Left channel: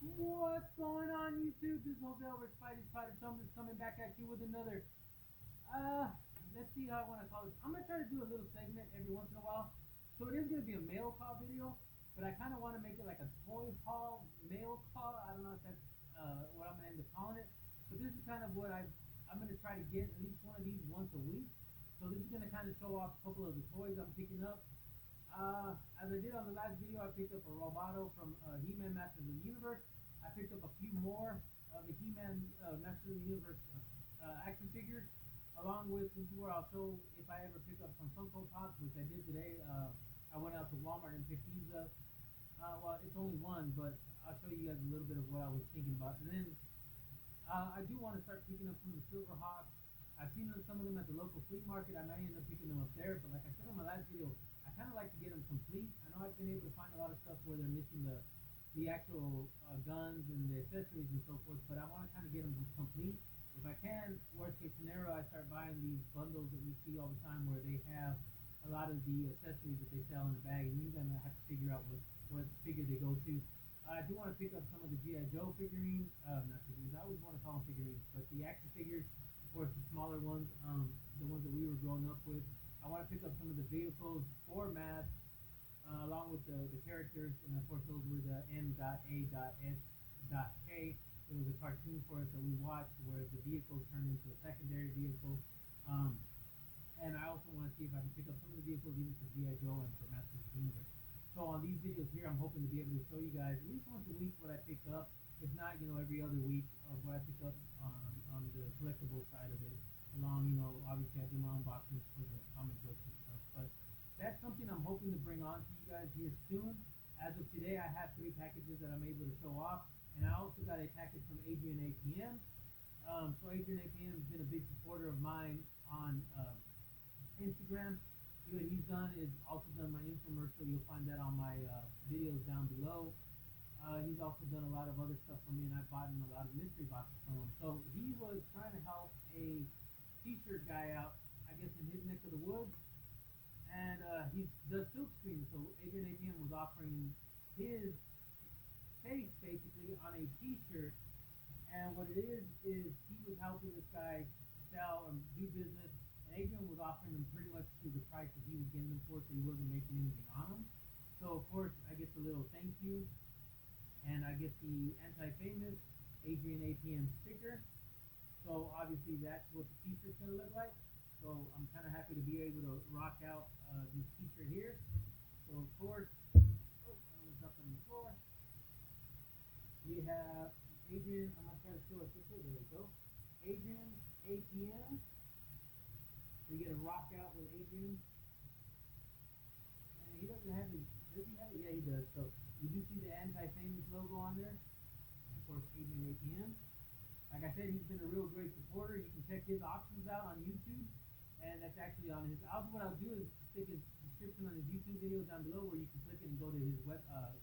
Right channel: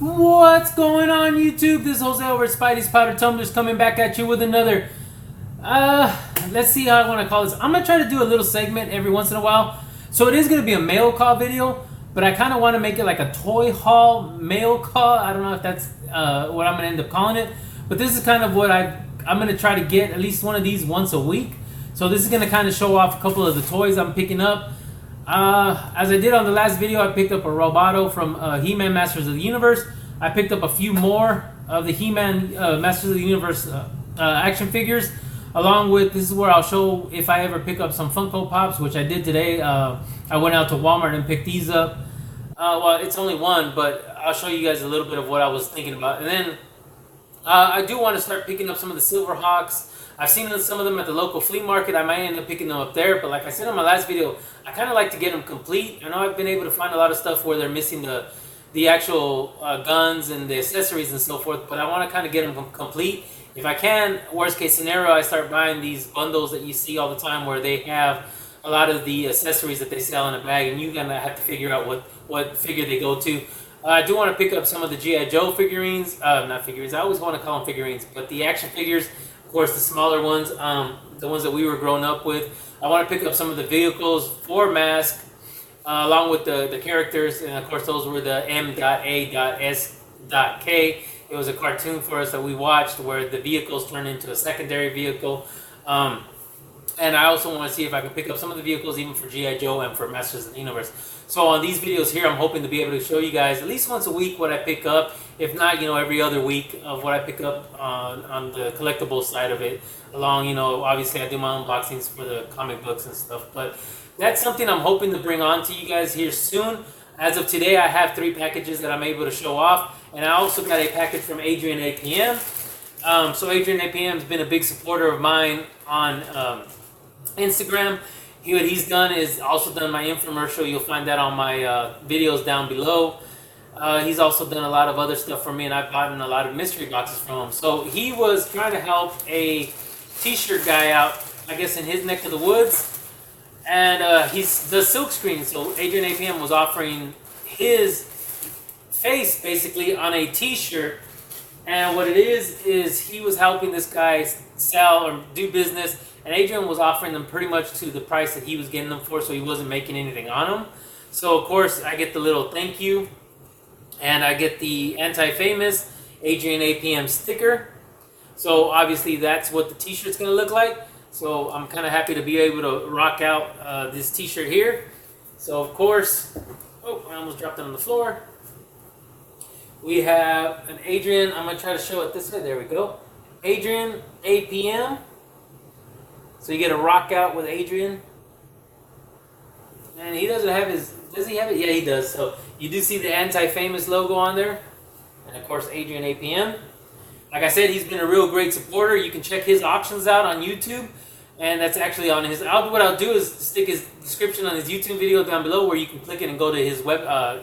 What's going on, YouTube? This is Jose over at Spidey's Powder Tumblers coming back at you with another, let's see how I want to call this. I'm going to try to do a little segment every once in a while. So it is going to be a mail call video, but I kind of want to make it like a toy haul mail call. I don't know if that's what I'm going to end up calling it, but this is kind of what I'm going to try to get at least one of these once a week. So this is going to kind of show off a couple of the toys I'm picking up. As I did on the last video, I picked up a Roboto from He-Man Masters of the Universe. I picked up a few more of the He-Man Masters of the Universe action figures, along with, this is where I'll show if I ever pick up some Funko Pops, which I did today. I went out to Walmart and picked these up. Well, it's only one, but I'll show you guys a little bit of what I was thinking about. And then I do want to start picking up some of the Silverhawks. I've seen some of them at the local flea market. I might end up picking them up there, but like I said in my last video, I kind of like to get them complete. I know I've been able to find a lot of stuff where they're missing the actual guns and the accessories and so forth, but I want to kind of get them complete. If I can, worst case scenario, I start buying these bundles that you see all the time where they have a lot of the accessories that they sell in a bag, and you're going to have to figure out what figure they go to. I do want to pick up some of the G.I. Joe figurines, not figurines, I always want to call them figurines, but the action figures, of course, the smaller ones, the ones that we were growing up with. I want to pick up some of the vehicles for Mask, along with the characters, and of course those were the M.A.S.K. It was a cartoon for us that we watched where the vehicles turned into a secondary vehicle. And I also want to see if I can pick up some of the vehicles even for G.I. Joe and for Masters of the Universe. So on these videos here, I'm hoping to be able to show you guys at least once a week what I pick up. If not, every other week of what I pick up on the collectible side of it. Along, obviously I do my unboxings for the comic books and stuff. But that's something I'm hoping to bring on to you guys here soon. As of today, I have 3 packages that I'm able to show off. And I also got a package from Adrian APM. So Adrian APM has been a big supporter of mine on Instagram. What he's done is also done my infomercial. You'll find that on my videos down below. He's also done a lot of other stuff for me, and I've gotten a lot of mystery boxes from him. So he was trying to help a t-shirt guy out, I guess, in his neck of the woods. And he's the silk screen. So Adrian APM was offering his face basically on a t-shirt. And what it is he was helping this guy sell or do business. And Adrian was offering them pretty much to the price that he was getting them for, so he wasn't making anything on them. So, of course, I get the little thank you. And I get the anti-famous Adrian APM sticker. So, obviously, that's what the t-shirt's going to look like. So, I'm kind of happy to be able to rock out this t-shirt here. So, of course, I almost dropped it on the floor. We have an Adrian. I'm going to try to show it this way. There we go. Adrian APM. So you get a rock out with Adrian. And he doesn't have his... Does he have it? Yeah, he does. So you do see the anti-famous logo on there. And of course, Adrian APM. Like I said, he's been a real great supporter. You can check his auctions out on YouTube. And that's actually on his... What I'll do is stick his description on his YouTube video down below where you can click it and go to his web... I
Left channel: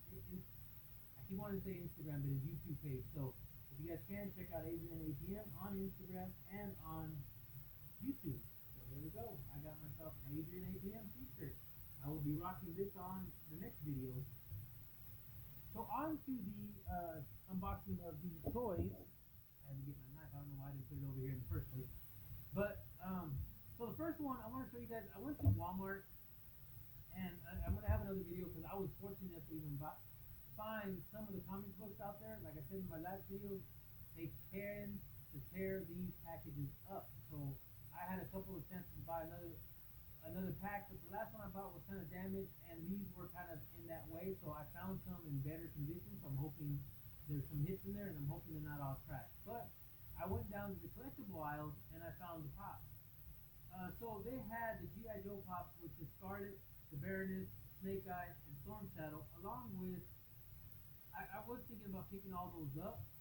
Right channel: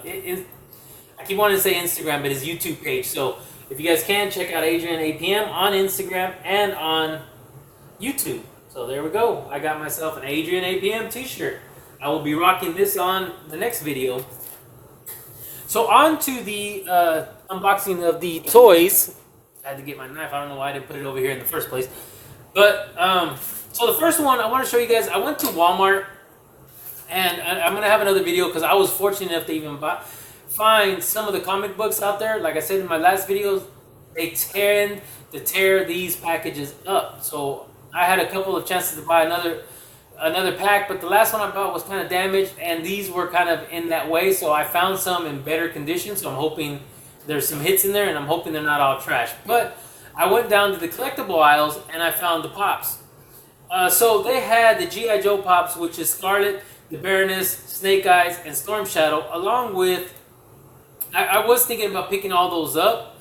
keep wanting to say Instagram, but his YouTube page. So if you guys can, check out Adrian APM on Instagram and on YouTube. So there we go. I got myself an Adrian APM t-shirt. I will be rocking this on the next video. So on to the unboxing of the toys. I had to get my knife. I don't know why I didn't put it over here in the first place. But, so the first one I want to show you guys, I went to Walmart. And I'm going to have another video because I was fortunate enough to even find some of the comic books out there. Like I said in my last videos, they tend to tear these packages up. So I had a couple of chances to buy another pack, but the last one I bought was kind of damaged, and these were kind of in that way. So I found some in better condition. So I'm hoping there's some hits in there, and I'm hoping they're not all trash. But I went down to the collectible aisles, and I found the Pops. So they had the G.I. Joe Pops, which is Scarlet, the Baroness, Snake Eyes, and Storm Shadow, along with... I was thinking about picking all those up.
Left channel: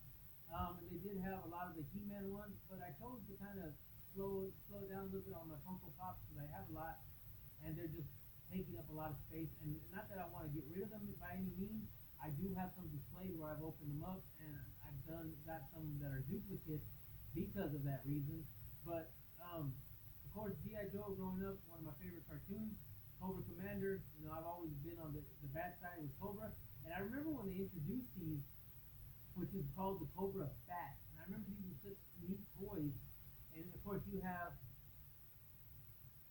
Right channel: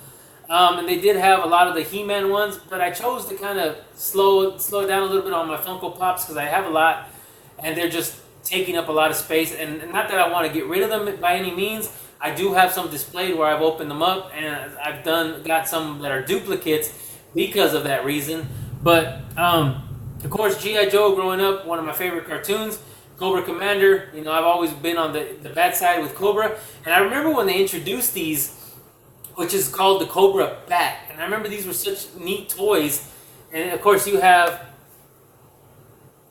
And they did have a lot of the He-Man ones, but I chose to kind of slow it down a little bit on my Funko Pops because I have a lot, and they're just taking up a lot of space. And not that I want to get rid of them by any means. I do have some displayed where I've opened them up, and I've got some that are duplicates because of that reason. But of course, G.I. Joe growing up, one of my favorite cartoons. Cobra Commander, I've always been on the bad side with Cobra. And I remember when they introduced these which is called the Cobra Bat. And I remember these were such neat toys. And of course you have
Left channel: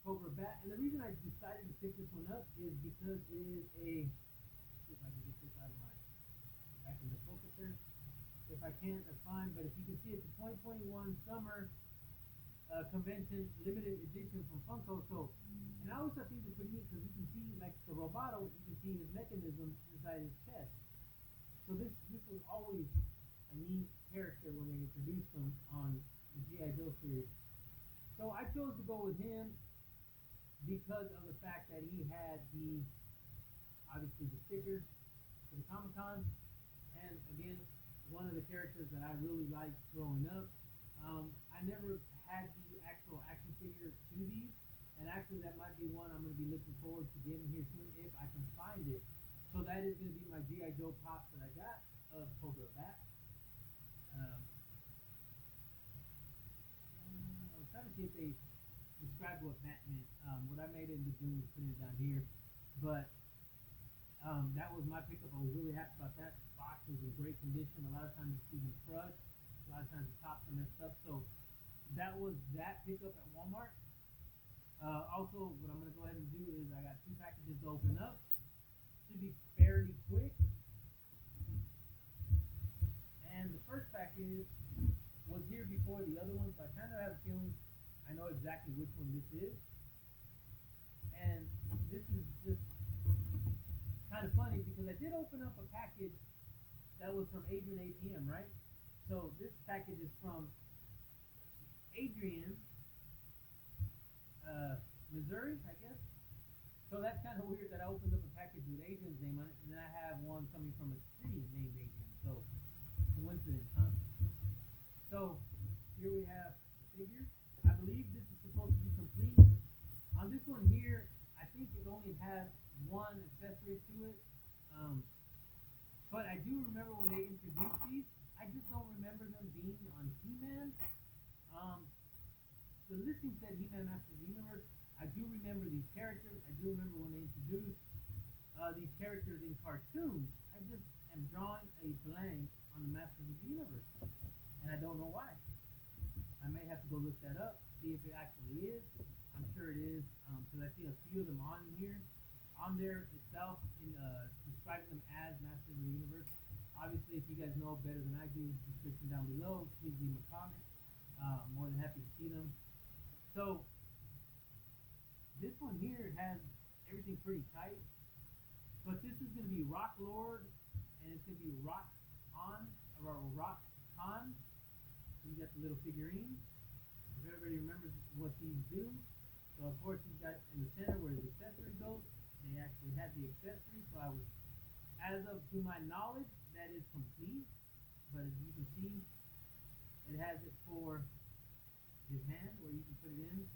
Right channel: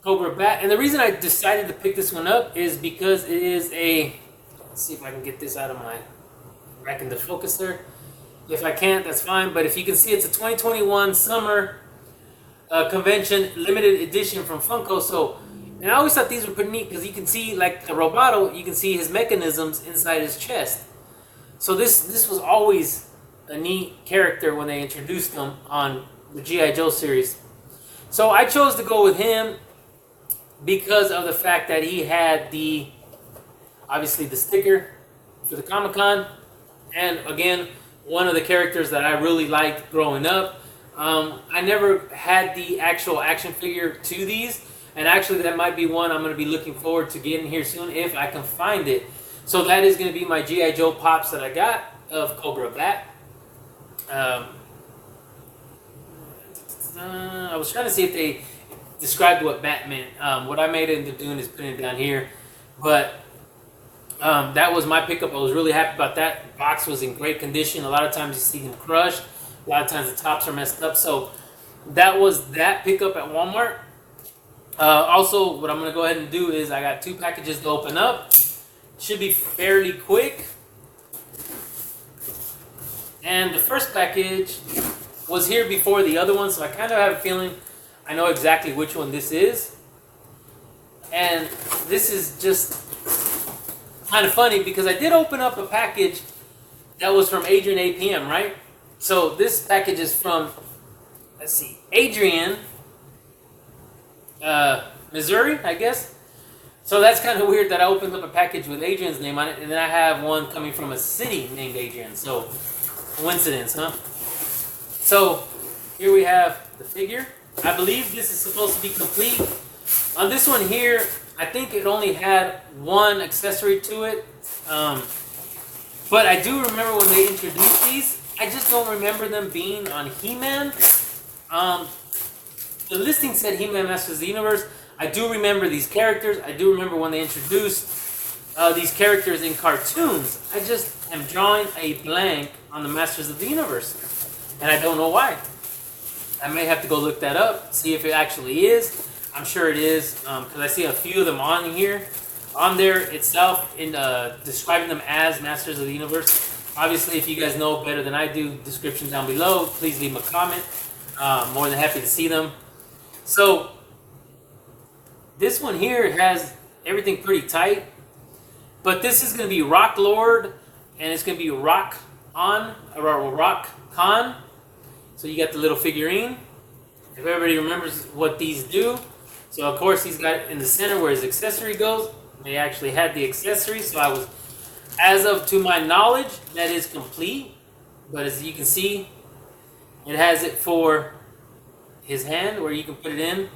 Cobra Bat. And the reason I decided to pick this one up is because it is a, let's see if I can get this out of my, back in the focus there. If I can't, that's fine. But if you can see, it's a 2021 summer convention limited edition from Funko. So, and I always thought these were pretty neat because you can see, like the Roboto, you can see his mechanisms inside his chest. So this was always a neat character when they introduced him on the G.I. Joe series. So I chose to go with him because of the fact that he had the, obviously the sticker for the Comic-Con, and again, one of the characters that I really liked growing up. I never had the actual action figure to these, and actually that might be one I'm going to be looking forward to getting here soon if I can find it. So that is going to be my G.I. Joe Pops that I got of Cobra Bat. I was trying to see if they described what Bat meant. What I made end up doing is putting it down here. But that was my pickup. I was really happy about that. The box was in great condition. A lot of times you see them crushed. A lot of times the tops are messed up. So that was that pickup at Walmart. Also, what I'm going to go ahead and do is I got 2 packages to open up. Should be fairly quick. And the first package was here before the other one, so I kind of have a feeling I know exactly which one this is. And this is just kind of funny because I did open up a package that was from Adrian APM, right? So this package is from, let's see, Adrian, Missouri, I guess. So that's kind of weird that I opened up a package with Adrian's name on it, and then I have one coming from a city named Adrian. So, coincidence, huh? So, here we have the figure. I believe this is supposed to be complete. On this one here, I think it only had one accessory to it. But I do remember when they introduced these. I just don't remember them being on He-Man. The listing said He-Man Masters of the Universe. I do remember these characters. I do remember when they introduced these characters in cartoons. I just am drawing a blank on the Masters of the Universe. And I don't know why. I may have to go look that up, see if it actually is. I'm sure it is, because I see a few of them on here. On there itself, in describing them as Masters of the Universe. Obviously, if you guys know better than I do, description down below. Please leave them a comment. More than happy to see them. So, this one here has everything pretty tight. But this is going to be Rock Lord, and it's going to be Rock On, or Rock Con. So you got the little figurine. If everybody remembers what these do. So of course he's got in the center where his accessory goes. They actually had the accessory, so I was, as of to my knowledge, that is complete. But as you can see, it has it for his hand where you can put it in.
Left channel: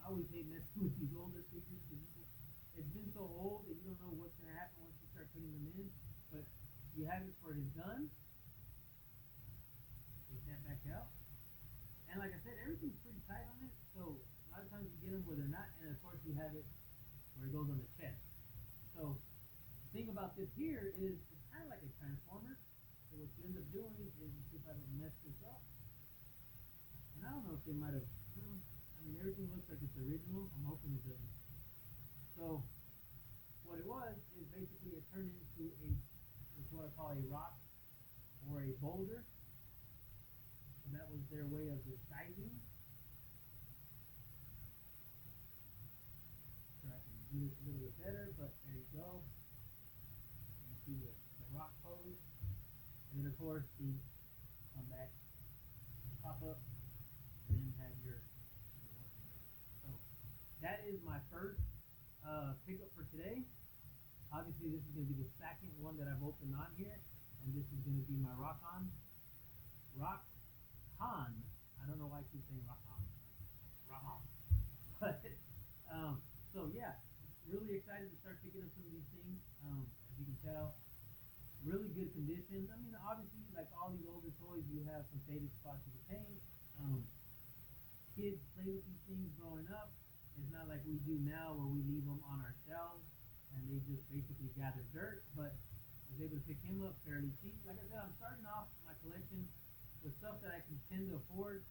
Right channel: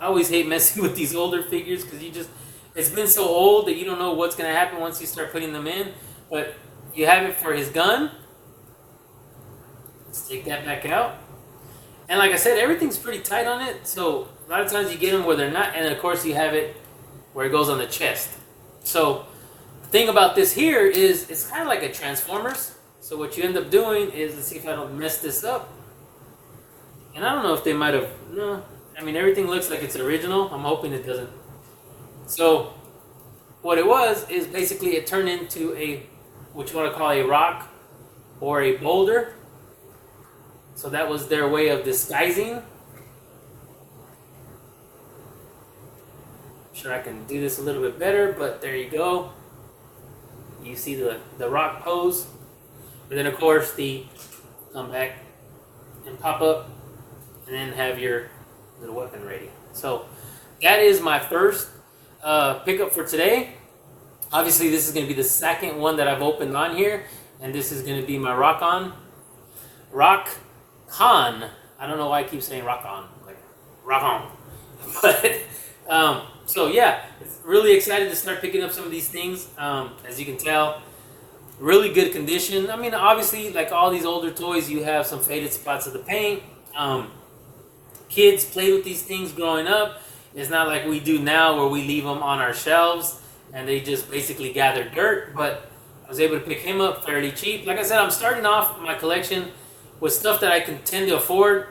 I always hate messing with these older figures because you just, it's been so old that you don't know what's going to happen once you start putting them in. But you have it for his gun. Let's take that back out. And like I said, everything's pretty tight on it. So a lot of times you get them where they're not. And of course you have it where it goes on the chest. So the thing about this here is it's kind of like a Transformers. So what you end up doing is, let's see if I don't mess this up. And I don't know if they might have, no. I mean, everything looks like it's original. I'm hoping it doesn't. So what it was is basically it turned into a, what you want to call a rock or a boulder. So that was their way of disguising. I'm sure I can do this a little bit better, but there you go. You see the rock pose. But then of course the come back and pop up and then have your little weapon ready. So that is my first pickup for today. Obviously this is going to be the second one that I've opened on here, and this is going to be my Rock Con. I don't know why I keep saying Rock On, like Rock On. But so yeah, really excited to start picking up some of these things. As you can tell, really good condition. I mean, obviously, like all these older toys, you have some faded spots of the paint. Kids played with these things growing up. It's not like we do now where we leave them on our shelves and they just basically gather dirt. But I was able to pick him up fairly cheap. Like I said, I'm starting off my collection with stuff that I can tend to afford.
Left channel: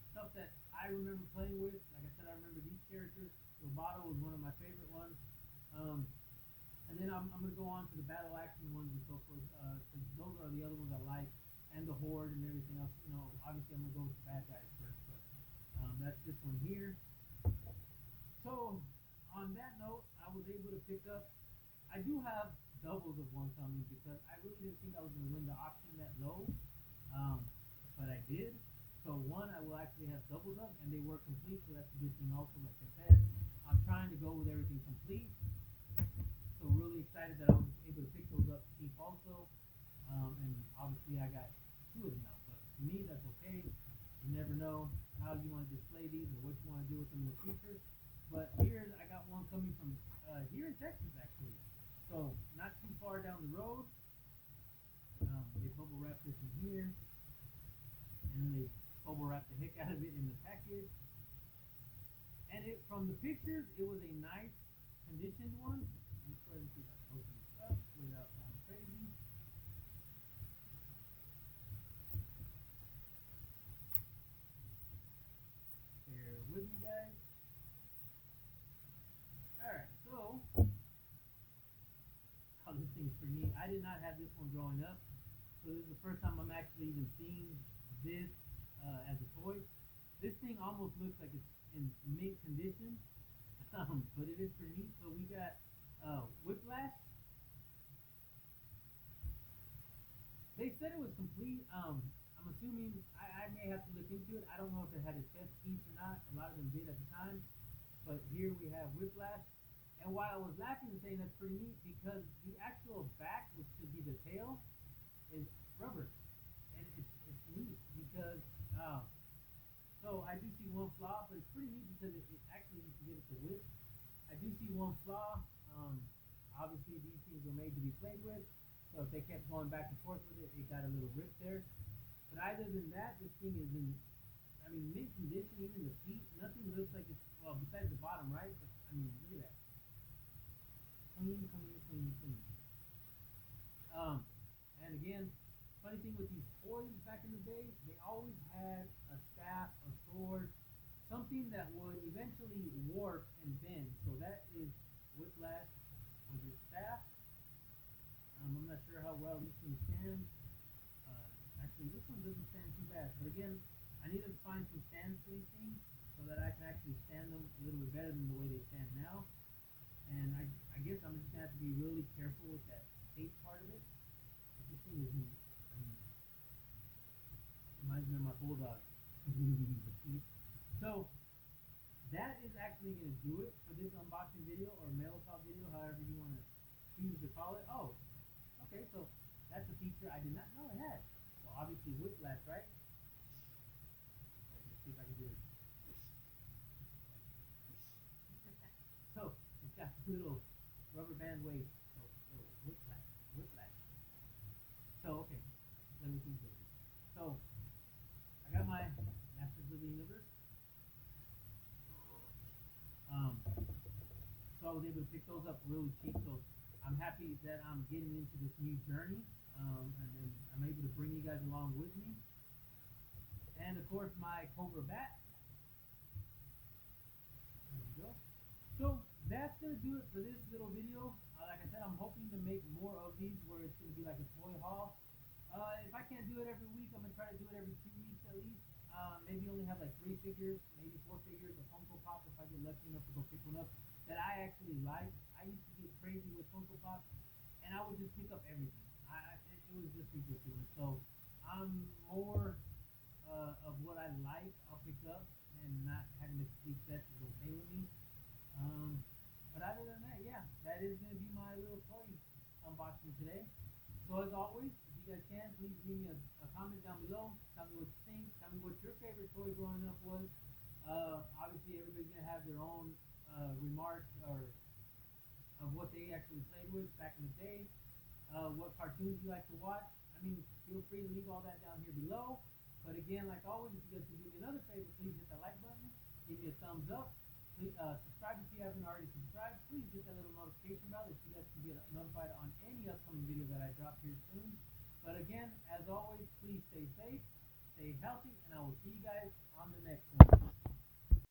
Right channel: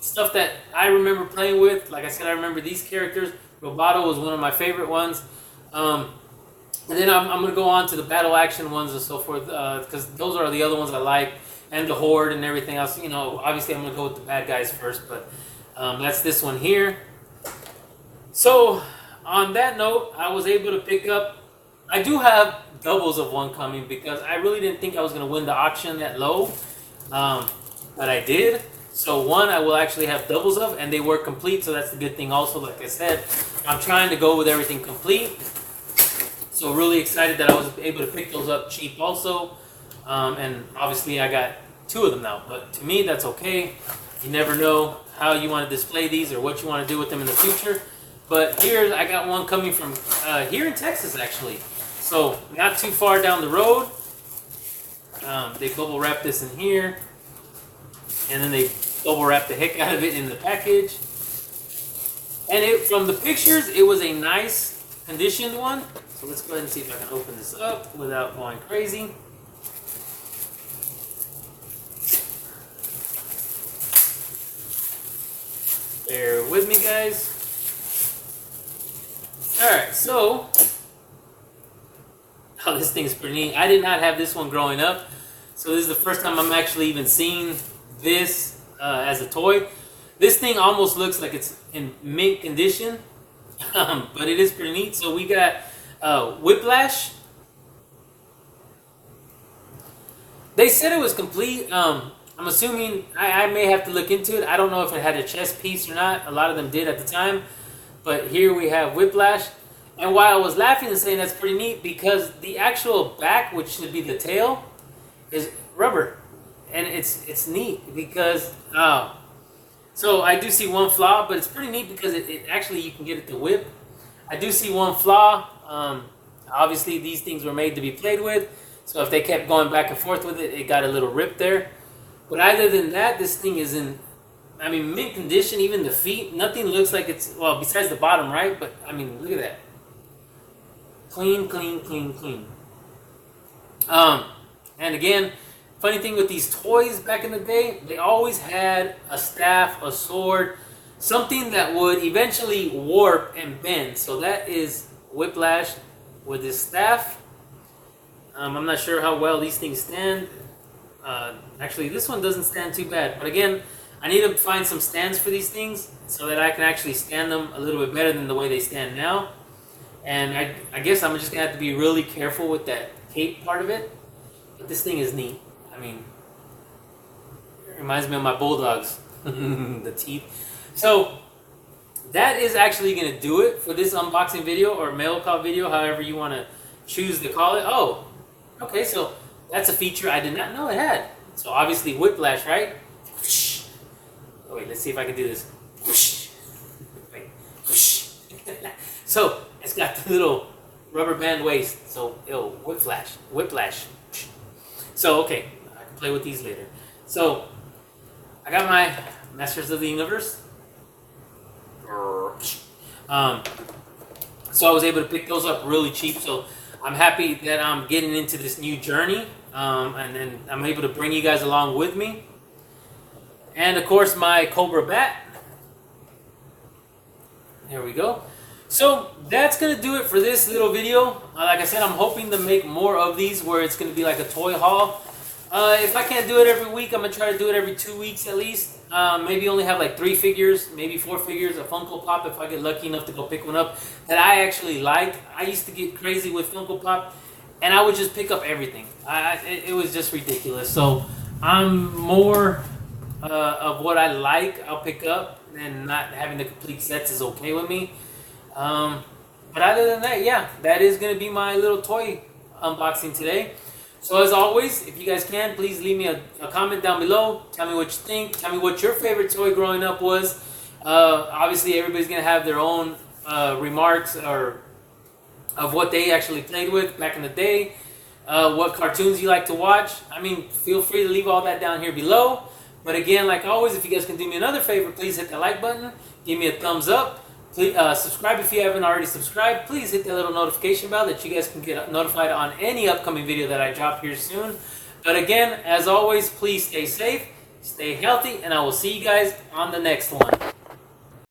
Stuff that I remember playing with. Like I said, I remember these characters. Roboto was one of my favorite ones. And then I'm going to go on to the battle action ones and so forth, because those are the other ones I like, and the Horde and everything else. You know, obviously I'm going to go with the bad guys first, but that's this one here. So on that note, I was able to pick up, I do have doubles of one coming because I really didn't think I was going to win the auction that low, but I did. So one I will actually have doubles of, and they were complete, so that's the good thing also. Like I said, I'm trying to go with everything complete. So really excited that I was able to pick those up cheap also. And obviously I got 2 of them now, but to me that's okay. You never know how you want to display these or what you want to do with them in the future. But here I got one coming from here in Texas actually. So not too far down the road. They bubble wrap this in here, and then they bubble wrap the heck out of it in the package. And from the pictures, it was a nice conditioned one. So let's go ahead and see if I can open this up without going crazy. Bear with me, guys. Alright, so this thing is pretty neat. I did not have this one growing up, so this is the first time I'm actually even seeing this as a toy. This thing almost looks like it's in mint condition, but it is pretty neat. So we got Whiplash. They said it was complete. I'm assuming, I may have to look into it. I don't know if it had a chest piece or not. A lot of them did at the time. But here we have Whiplash. And while I was laughing and saying that's pretty neat, because the actual back, which should be the tail, is rubber. And it's neat because, so I do see one flaw, but it's pretty neat because it actually, you can get it to whip. I do see one flaw. Obviously these things were made to be played with, so if they kept going back and forth with it, it got a little rip there. But other than that, this thing is in, I mean, mint condition. Even the feet, nothing looks like it's, well, besides the bottom, right? But I mean, look at that. Clean, clean, clean, clean. And again, funny thing with these toys back in the day, they always had a staff, a sword, something that would eventually warp and bend. So that is Whiplash with his staff. I'm not sure how well these things stand. Actually, this one doesn't stand too bad. But again, I need to find some stands for these things so that I can actually stand them a little bit better than the way they stand now. And I guess I'm just going to have to be really careful with that cape part of it. But this thing is neat. I mean, it reminds me of my bulldogs. The teeth. So that is actually going to do it for this unboxing video, or mail call video, however you want to choose to call it. Oh, okay, so that's a feature I did not know it had. So obviously Whiplash, right? Oh, wait, let's see if I can do this. Wait. So it's got the little rubber band waist. So Whiplash. So okay, I can play with these later. So I got my Masters of the Universe. So I was able to pick those up really cheap. So I'm happy that I'm getting into this new journey, and then I'm able to bring you guys along with me. And of course my Cobra bat. There we go. So that's going to do it for this little video. Like I said, I'm hoping to make more of these where it's going to be like a toy haul. If I can't do it every week, I'm going to try to do it every 2 weeks at least. Maybe only have like 3 figures, maybe 4 figures, a Funko Pop if I get lucky enough to go pick one up that I actually like. I used to get crazy with Funko Pop, and I would just pick up everything. It was just ridiculous. So I'm more of what I like, I'll pick up, and not having the complete sets is okay with me. But other than that, yeah, that is going to be my little toy unboxing today. So as always, if you guys can, please leave me a comment down below. Tell me what you think. Tell me what your favorite toy growing up was. Obviously, everybody's going to have their own remarks or of what they actually played with back in the day. What cartoons you like to watch. I mean, feel free to leave all that down here below. But again, like always, if you guys can do me another favor, please hit the like button. Give me a thumbs up. Please subscribe if you haven't already subscribed. Please hit that little notification bell that you guys can get notified on any upcoming video that I drop here soon. But again, as always, please stay safe, stay healthy, and I will see you guys on the next one.